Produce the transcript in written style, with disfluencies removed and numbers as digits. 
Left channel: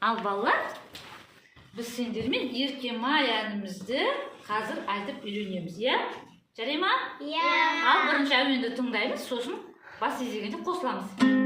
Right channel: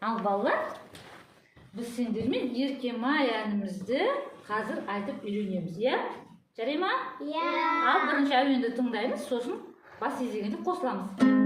Ал балалар, біз сендермен Еркемай әнімізді қазір айтып үйренеміз, иә? Жарай ма? Иә. Ал бірінші әуенді тыңдаймыз, сосын бас изегенде қосыламыз.